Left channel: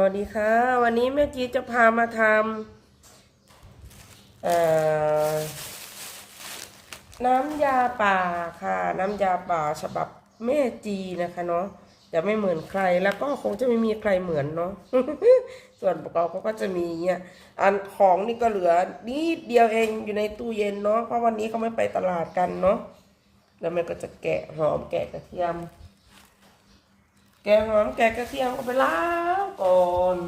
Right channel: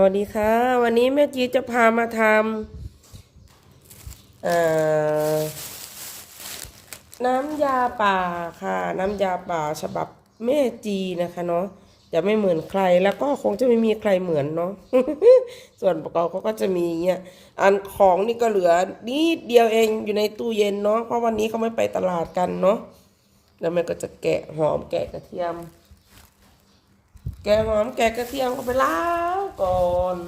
วัสดีค่ะ วันนี้แม่จีจะพามาทำน้ำยาป่าค่ะ น้ำยาป่าฉบับแม่จีนะคะเนาะจะไม่เหมือนใครแล้วก็คงจะไม่มีใครเหมือนเนาะส่วนประกอบเขาก็จะมีเนี่ยอันของนี่ก็เหลือนิดเดียวเองอยู่ในตู้เย็นเนาะเพราะวันนี้เขาไม่ไปตลาดกันเนาะแล้วแมันก็จะแกะหอมแกะกระเทียม แกหอมแกกระเทียมก็ไปล้างก่อน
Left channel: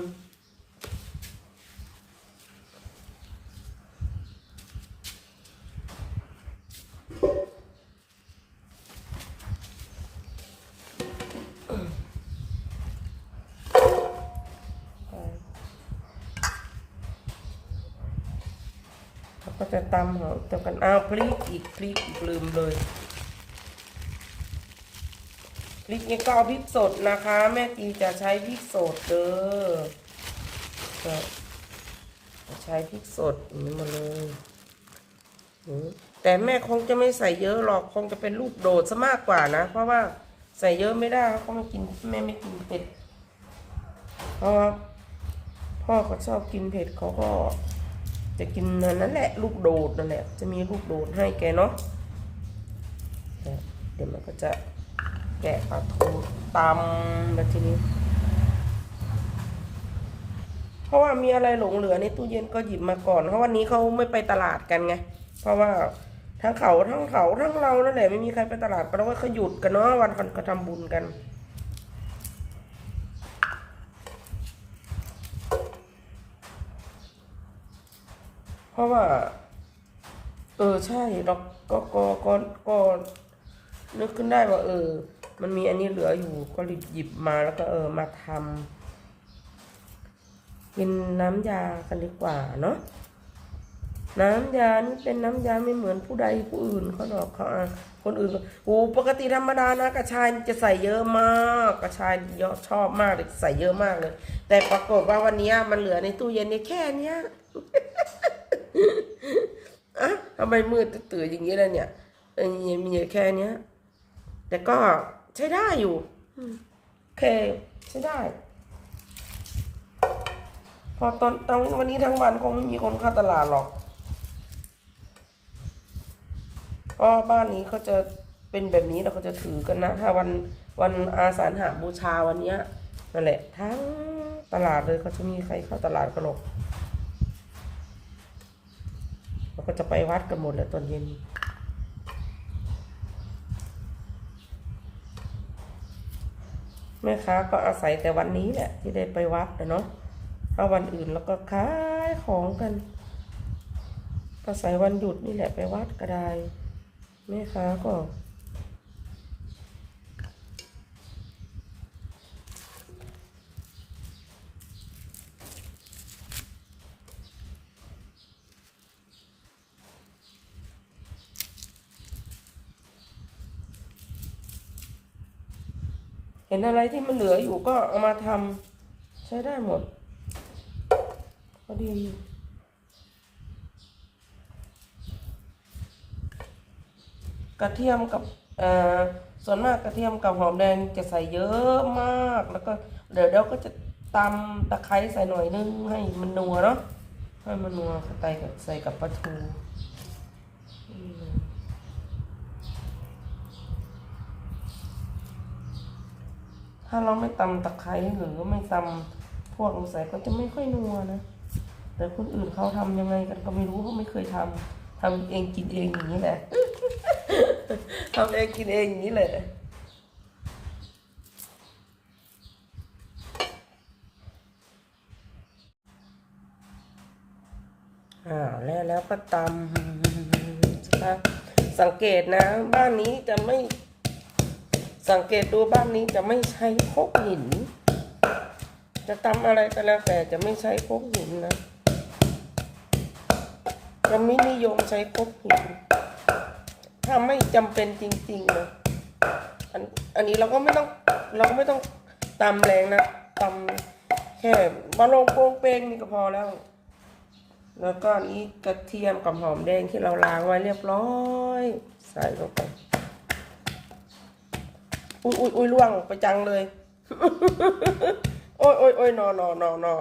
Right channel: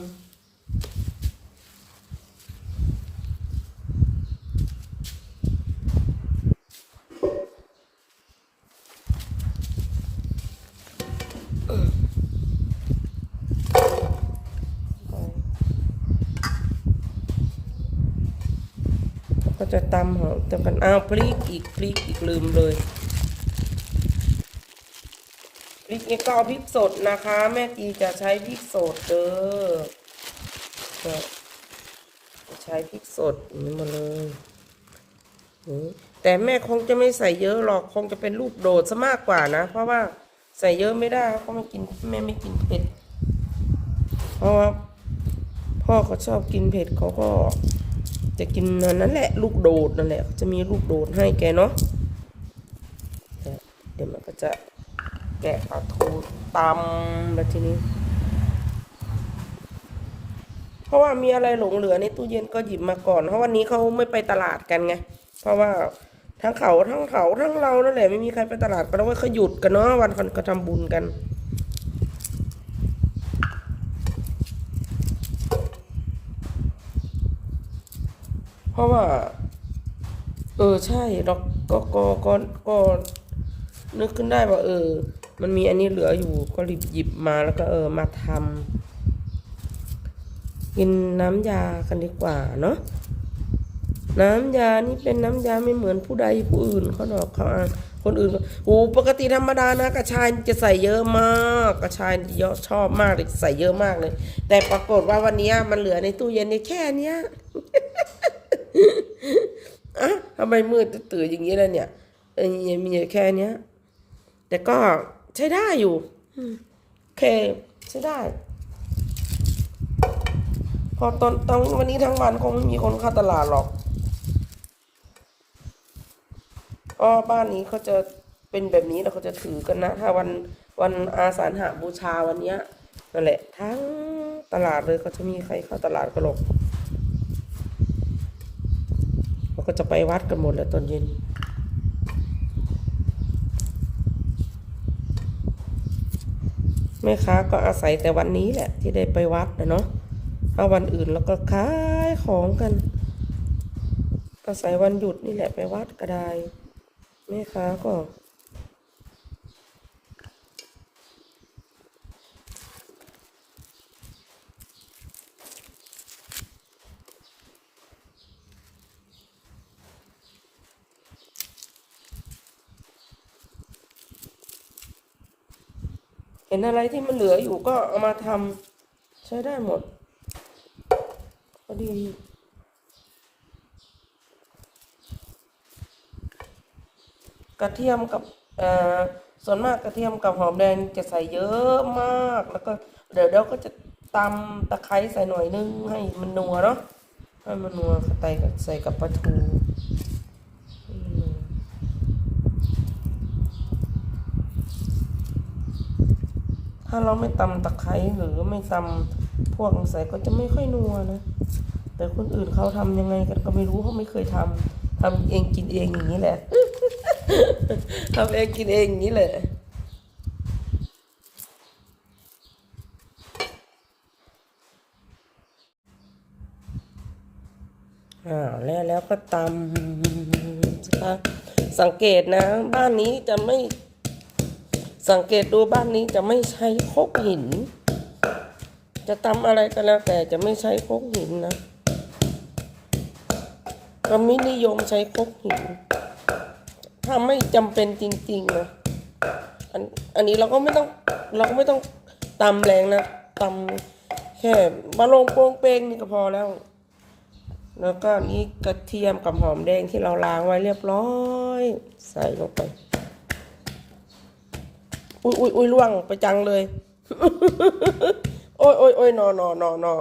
แล้วก็จะตำหอมตำกันอ้าวพริกอีกพริกอีกลืมเลย พริกนี่ก็เอาพริกสดนะคะ แม่กีจะใช้พริกสดเด้อจะใช้พริกสดนี้มาเลยแต่แม่คงจะไม่ใส่เยอะหรอกคงจะเป็นลูกโดดซะมากกว่านะ เพราะว่าใส่เยอะไม่ได้เขาไม่กินแม่ไม่กินเผ็ดเพราะว่าพ่อเขาชอบกินเผ็ดเขาก็จะกินนั่นแหละ ลูกโดดนั่นแหละจะมีลูกโดดให้แกเนาะเดี๋ยวมันก็จะ แกะปลาทูตำมาทีนี้ เพราะว่ามีอะไรหลงเหลือในตู้เย็นก็หยิบมาก่อน เพราะวันนี้เขาไม่ไปตลาดกันไง เพราะว่าทั้งเขาทั้งเขาทั้งเรานั่นแหละไม่มีใครไปตลาดกันเพราะว่าเขาหยุดกันเนาะวันกันก็ทำบุญกันเพราะว่า เออใช่เราก็ก็ก็ก็นึกขึ้นได้ว่า เออ มันมีอันนี้เหลืออยู่ก็รีบหยิบมาแล้วก็เออมาทำกินน้ำยากันดีกว่าเนาะน้ำยานี่เป็นน้ำยาไม่เหมือนผู้ใดผู้อื่นเขาดอกเขาอ่านคนอื่นโอ้ปกติธรรมดานะกระชายจะใส่เยอะมากกระชายเยอะชอบมากเลยใส่เยอะมากเลย แต่ปรากฏว่าวันนี้มันเหลือในตู้เย็นนี่แค่เนี้ยอะทำไมมืดตื่นอย่างนี้แล่ะเนี่ยเอ้ยมีแค่เนี้ยแต่ก็ ใช้ได้อยู่โอเค ใช้ได้ พอตอนตอนวันนี้ทั้งวันคงไม่มีคนเข้าตลาดหรอกเพราะบ้านนี้เขาจะเป็นแบบนี้แล้วเขาจะถือกันนะถ้าวันวันอาสาฬหาบูชาวันเนี้ยนั่นแหละ ทั้งตลาดเลยเขาจะมีใครเข้าตลาดกันหรอกเราก็จะไปวัดกันหมดแล้วตอนเย็น แม่ค้าก็อาศัยแต่วันนี้แหละ ที่ได้ไปวัดนะเนาะถ้าวันอื่นเราก็ขายของกัน อาศัยวันหยุดนี่แหละไปวัดก็ได้แม่ค้าก็ ห็นอะไรที่มันเหลืออยู่ก็เอามาทำใช้ได้หมดพอดีกระเทียมกับเอ่อส่วนมากกระเทียมกับหอมแดงจะใส่เยอะมากแล้วก็เดี๋ยวเราก็จะตำตะไคร้ใส่หน่อยนึงให้มันนัวเนาะให้มันนัวใส่ใส่กับปลาทูอืม ถ้าเราไม่ตำตะไคร้หรือไม่ตำพวกใส่ก็จะไม่ค่อยนัวนะ แต่คนอื่นเขาทำยังไงกันก็ไม่รู้เขาไม่เคยทำทำเองกินเองอย่างนี้แหละทำเองกินเองอย่างนี้แหละอ่าแล้วแล้วก็ตำสังเกตนะ บ้านนี้จะไม่ สังเกตดูบ้านนี้จะไม่ใช้คกหิน จะทำอะไรก็แล้วแต่จะไม่ใช้คกหินนะก็ไม่นิยมใช้คกหิน ถ้าไม่จำเป็นจริงๆนะอันอันนี้เราก็ไม่ต้องเราก็ไม่ต้องตำแรงนะตำแค่บะลงโปรงเปงนี่ก็พอแล้ว แล้วก็นี่กระเทียมกับหอมแดงที่เราล้างไว้เรียบร้อย ใส่ลงไป อุ้ยอุ้ยอุ้ยล่วงไปจังเลย โอ้ยโอ้ยโอ้ยนอนอนอนอ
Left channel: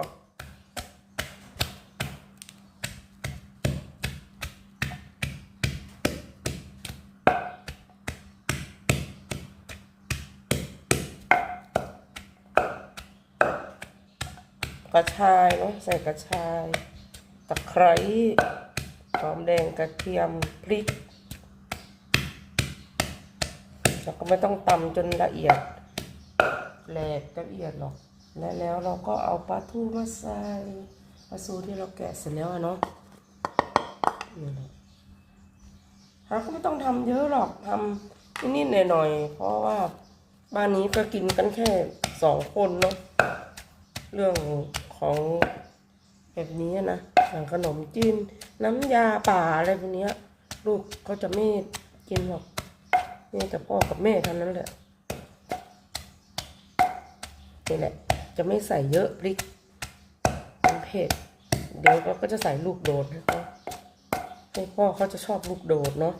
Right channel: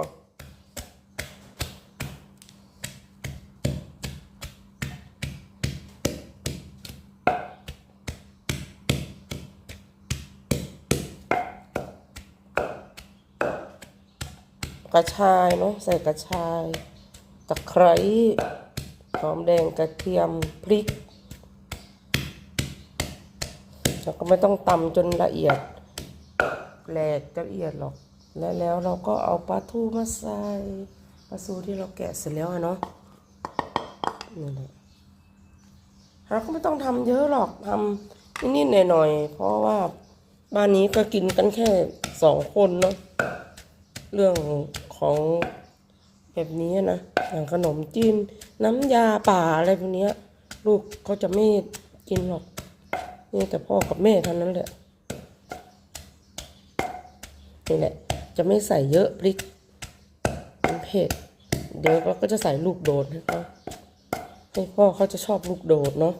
กระชายเนาะใส่กระชาย ตะไคร้หอมแดงกระเทียมพริก แล้วก็ไม่ต้องตำจนละเอียดแหลกละเอียดหรอกและแล้วเราก็เอาปลาทูมาใส่ปลาทูที่เราแกะเสร็จแล้วเนาะนี่แหละเราก็ไม่ต้องทำเยอะหรอกทำนิดๆหน่อยๆเพราะว่าบ้านนี้ก็กินกันแค่สองคนเนาะเรื่องของแบบนี้นะอย่างขนมจีนน้ำยาป่าอะไรพวกนี้ลูกเขาจะไม่กินหรอก นี่แต่พ่อกับแม่เท่านั้นแหละนี่แหละ จะไม่ใส่เยอะพริกมันเผ็ดเดี๋ยวเราก็จะใส่ลูกโดดนะคะให้พ่อเขาจะชอบลูกโดดเนาะ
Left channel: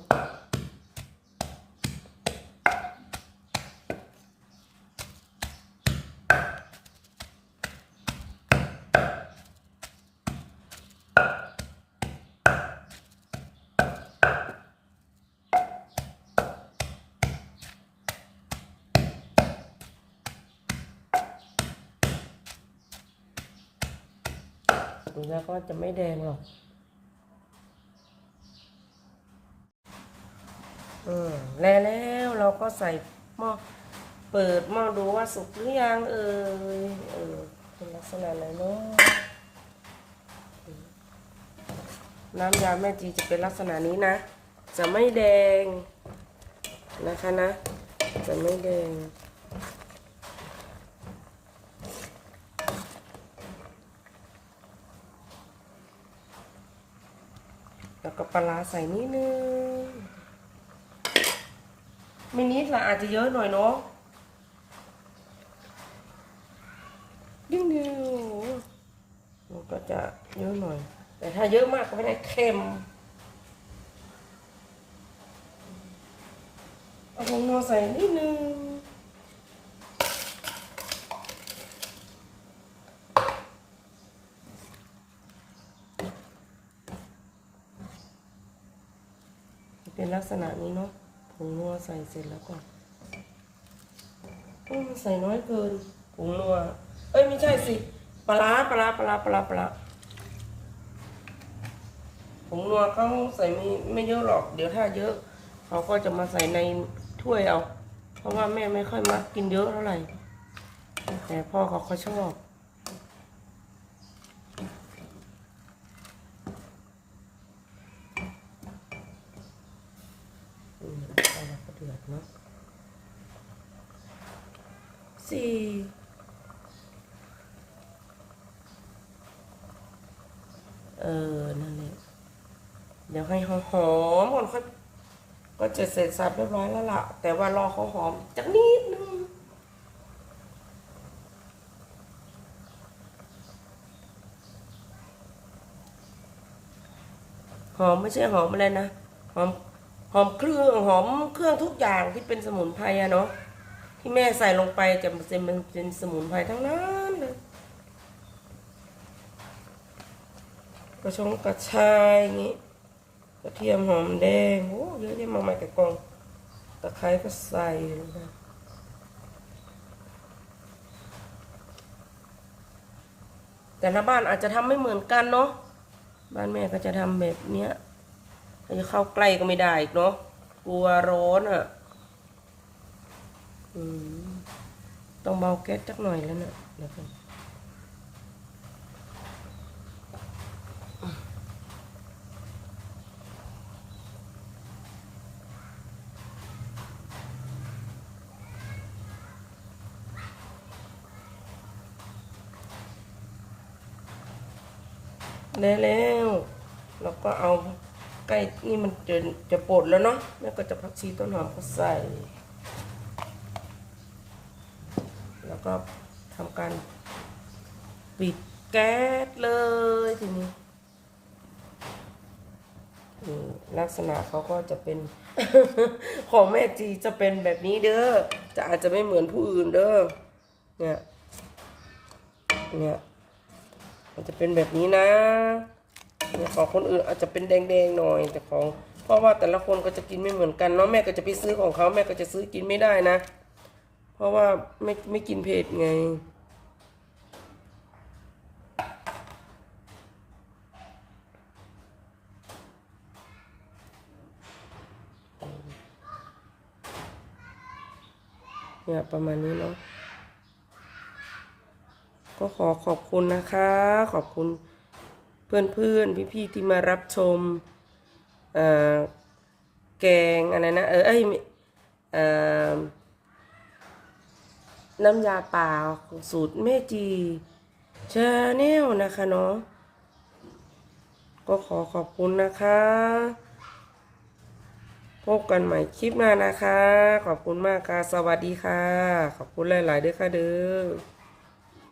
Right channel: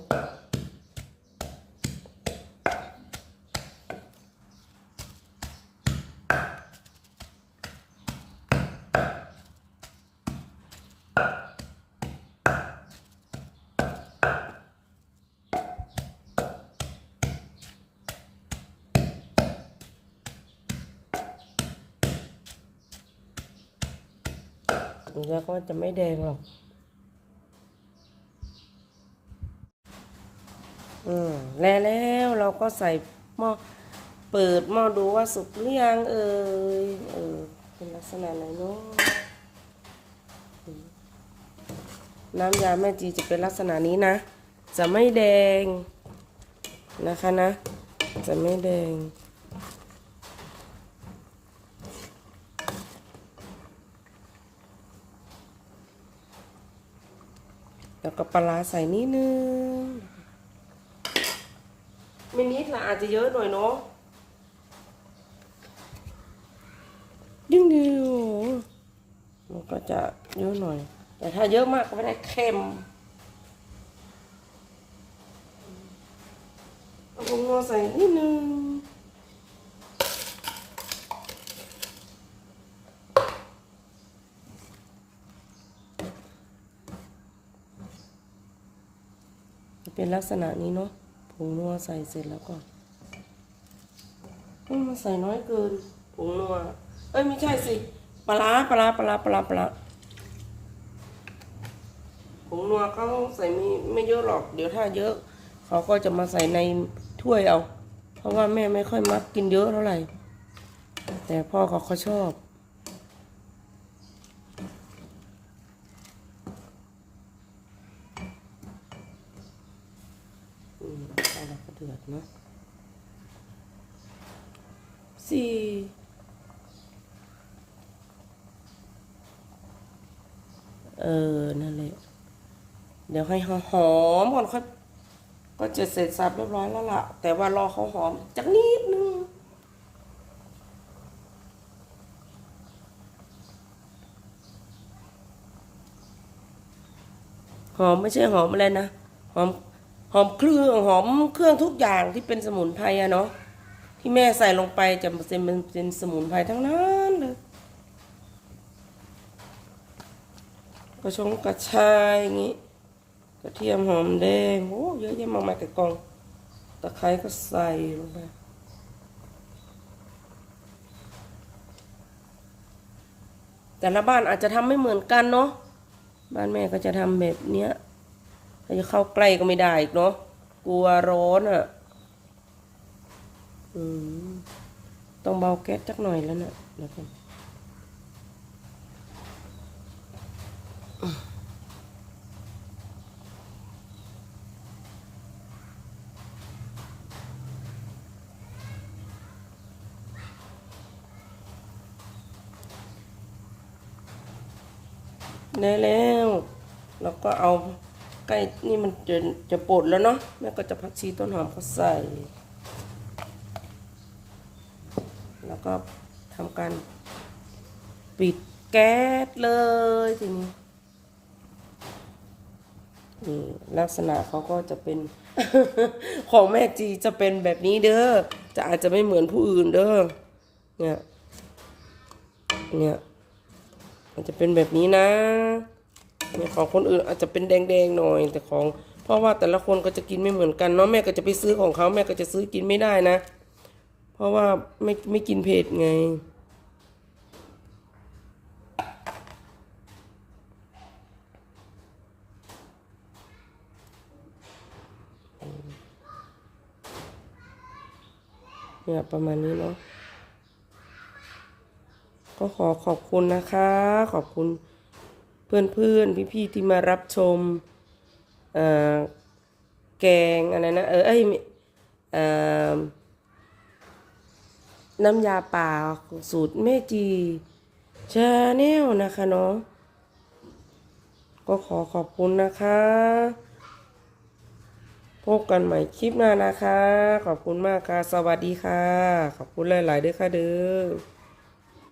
แล้วก็จะไม่แดงหรอกอืมแล้วเราก็ใส่หม้อเปิดหม้อดูว่าสุกหรือยังเออเออเป็นลักษณะไหนเนาะน้ำยาแม่จีจะเป็นลักษณะนี้นะ จะไม่แดงนะคะนะ จะไม่แดง แล้วก็ปลาใส่นิดนึงไม่นิดละอาจจะเยอะหน่อยเนาะยิ่งดีมันก็จะเยอะหน่อย แต่ถ้าเยอะมากก็ไม่ได้เค็มเอาผงนัวใส่นิดนึง เป็นลักษณะนี้เนาะผงนัวใส่เสร็จแล้วก็อืมใส่น้อยเกินผงนัว เอ้ยไม่ใช่สิปลาปลาปลาปลาปลาร้าผงนัวเขาใส่ไม่ไม่เยอะหรอก เดี๋ยวถ้าเยอะ เขาก็จะมาใส่ในถ้วยเอา เพราะว่าแม่ไม่ค่อยมักกินเยอะเท่าไหร่ แต่พ่อเขาเขาชอบ อืมเอาละก็เดือดเนะสี่เออ นั่นแหละ เดี๋ยวให้หอมก่อนค่อยก็จะเสร็จสับเรียบร้อยแล้วล่ะ แต่ว่ารอเขาหอมจักนิดนึงหอมไม่ใช่หอมอะไรนะ หอม หอมเครื่องหอมเครื่องทุกอย่างที่เป็นสมุนไพรอะเนาะที่แม่ใส่ลงไปจะเป็นเป็นเป็นสมุนไพรทั้งนั้นเลยกระชงกระชายอย่างงี้กระเทียมหอมแดงโอ้เยอะแยะมากมายกับกองตะไคร้ก็ใส่ลงไปแต่ละบ้านอาจจะทำไม่เหมือนกันเนาะบ้านแม่ก็จะทำแบบเนี้ย จะเข้าใกล้ก็ไม่ได้อีกเนาะกลัวร้อนอะอืมต้องเบาแก๊สจักหน่อยแล้วเนี่ยเดี๋ยวก่อนได้แล้ว แล้วก็เอา ใกล้นี่มันจะจะปดแล้วเนาะแม่ก็จะพักชีต้นหอมก็ใส่ แล้วก็ทำการปิดแก๊สเลยทีนี้ลักษณะเขาก็จะเป็น ของแม่จีจะเป็นแบบนี้เด้อจะอาจจะไม่เหมือนผู้อื่นเด้อเนี่ยเนี่ยมันจะเป็นแบบนี้นะ ของคนอื่นอาจจะเป็นแดงๆหน่อยแต่ของเพราะว่าแต่ละคนก็จะกินไม่เหมือนกันเนาะแม่ก็จะไปซื้อของเขาแม่ก็จะซื้อกินไม่ได้นะ เพราะว่าไม่ไม่กินเผ็ดไงเนี่ยประมาณนี้เนาะก็ขอขอบคุณนะคะ ขอบคุณ เพื่อนๆ พี่ๆ ที่มารับชมเอ่อแกงอะไรนะ เออเอ้ยน้ำยาป่าสูตรแม่จีชาแนลนะคะเนาะก็ขอขอบคุณนะคะ พบกันใหม่คลิปหน้านะคะ ขอบคุณมากค่ะ สวัสดีค่ะ ขอบคุณหลาย ๆ ด้วยค่ะเด้อ